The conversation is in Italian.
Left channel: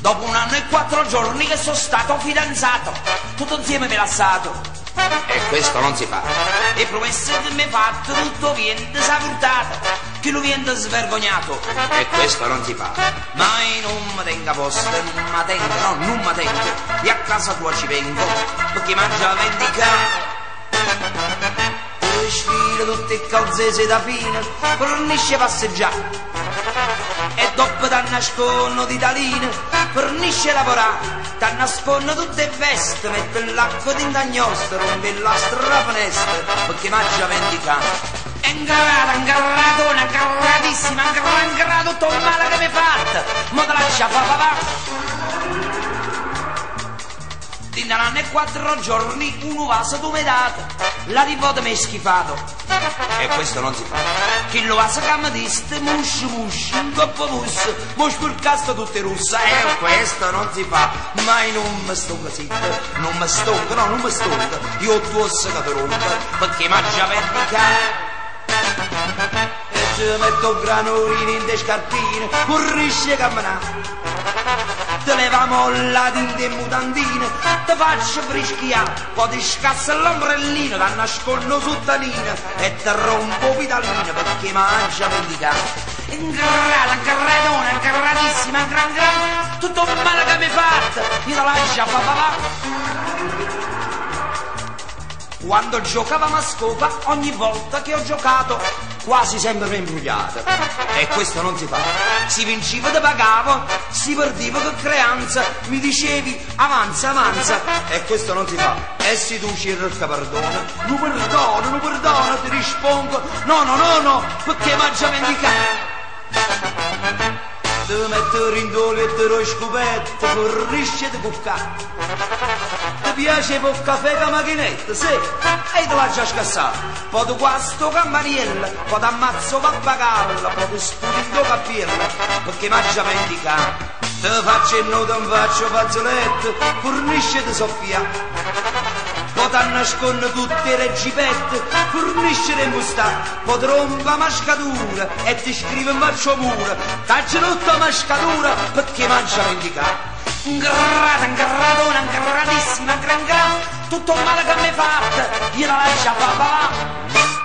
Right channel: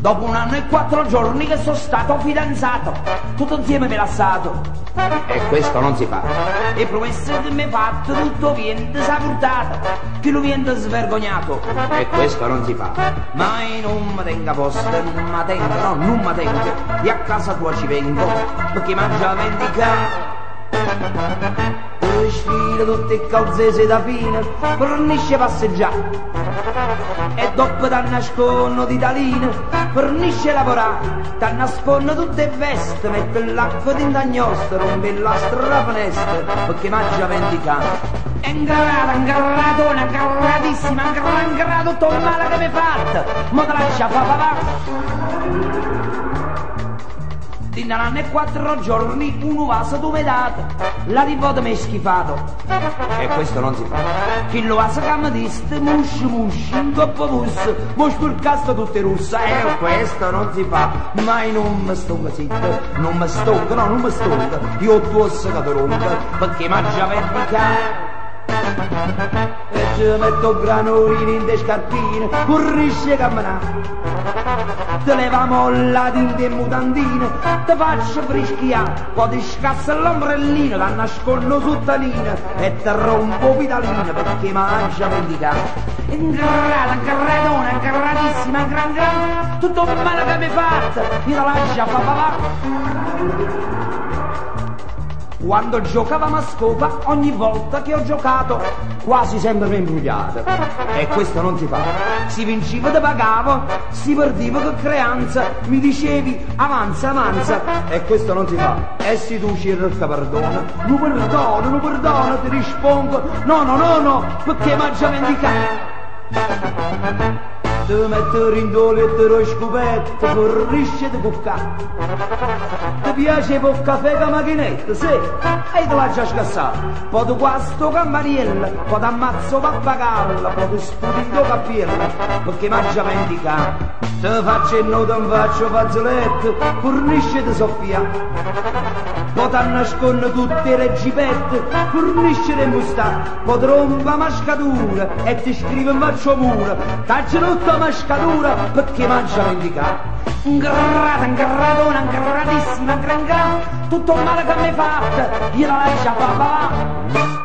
Dopo 1 anno e 4 giorni che sono stato fidanzato, tutto insieme me lasciato. E questo non si fa. E promesse che mi hai fatto, tutto viene sapurtato, che lo viene svergognato. E questo non si fa. Mai non mi tenga posto, non mi tengo, no, non mi tengo. E a casa tua ci vengo, perché mangia vendicato. Sfila tutte le calzese da fine, fornisce passeggiare. E dopo t'annasconno di taline, fornisce lavorare. T'annasconno tutte le vesti, mette l'acqua d'indagnosta, rompe la strafinestra, perché mangia vendicare. È ingarratona, ingarratissima, ingarrato tutto il male che mi hai fatto, mo te lascia fa papà. In 1 anno e 4 giorni un vaso tu mi date, la nipote mi è schifato. E questo non si fa. Chi lo vaso che mi diste, musci, un coppo pus, mo spurcasto tutte russe. E questo non si fa. Mai non mi stonca zitto, non mi stonca, no, non mi stonca. Io tu ossa che ti rompo, perché mangia vendicare. E ci metto granolini in te scarpine, corrisce a camminare. Te levamo la tinte in mutandine, te faccio frischiare, poi ti scassa l'ombrellino, ti nascondo sottanina e te rompo pitaline perché mangia vendicare. Ingrata, ingratona, ingratissima, gran, tutto il male che mi hai fatto, io te lascia fa papà. Quando giocavamo a scopa, ogni volta che ho giocato, quasi sempre mi imbrugliato. E questo non si fa. Si vinceva te pagavo, si perdeva che creanza, mi dicevi avanza, avanza. E questo non si fa. E se tu cerca perdono, non perdono, ti rispondo, no, perché mangia vendicare. Ti metto rindole e te lo scopetto, forrisce di cuccare. Ti piace il caffè con la macchinetta, sì, e te l'hai già scassato. Poi ti guasto campaniella, poi ti ammazzo pappagallo, poi ti sputi in tua cappiella, perché mangia vendicare. Ti faccio e non ti faccio fazzoletto, fornisce di soffia. Poi ti nascondo tutte le gipette, fornisce le mustate, poi ti rompa mascatura e ti scrive in faccio mura. Taggia tutta mascatura perché mangia vendicare. Ingratona, ingratissima, gran, tutto il male che mi hai fatto, io la lascio a papà.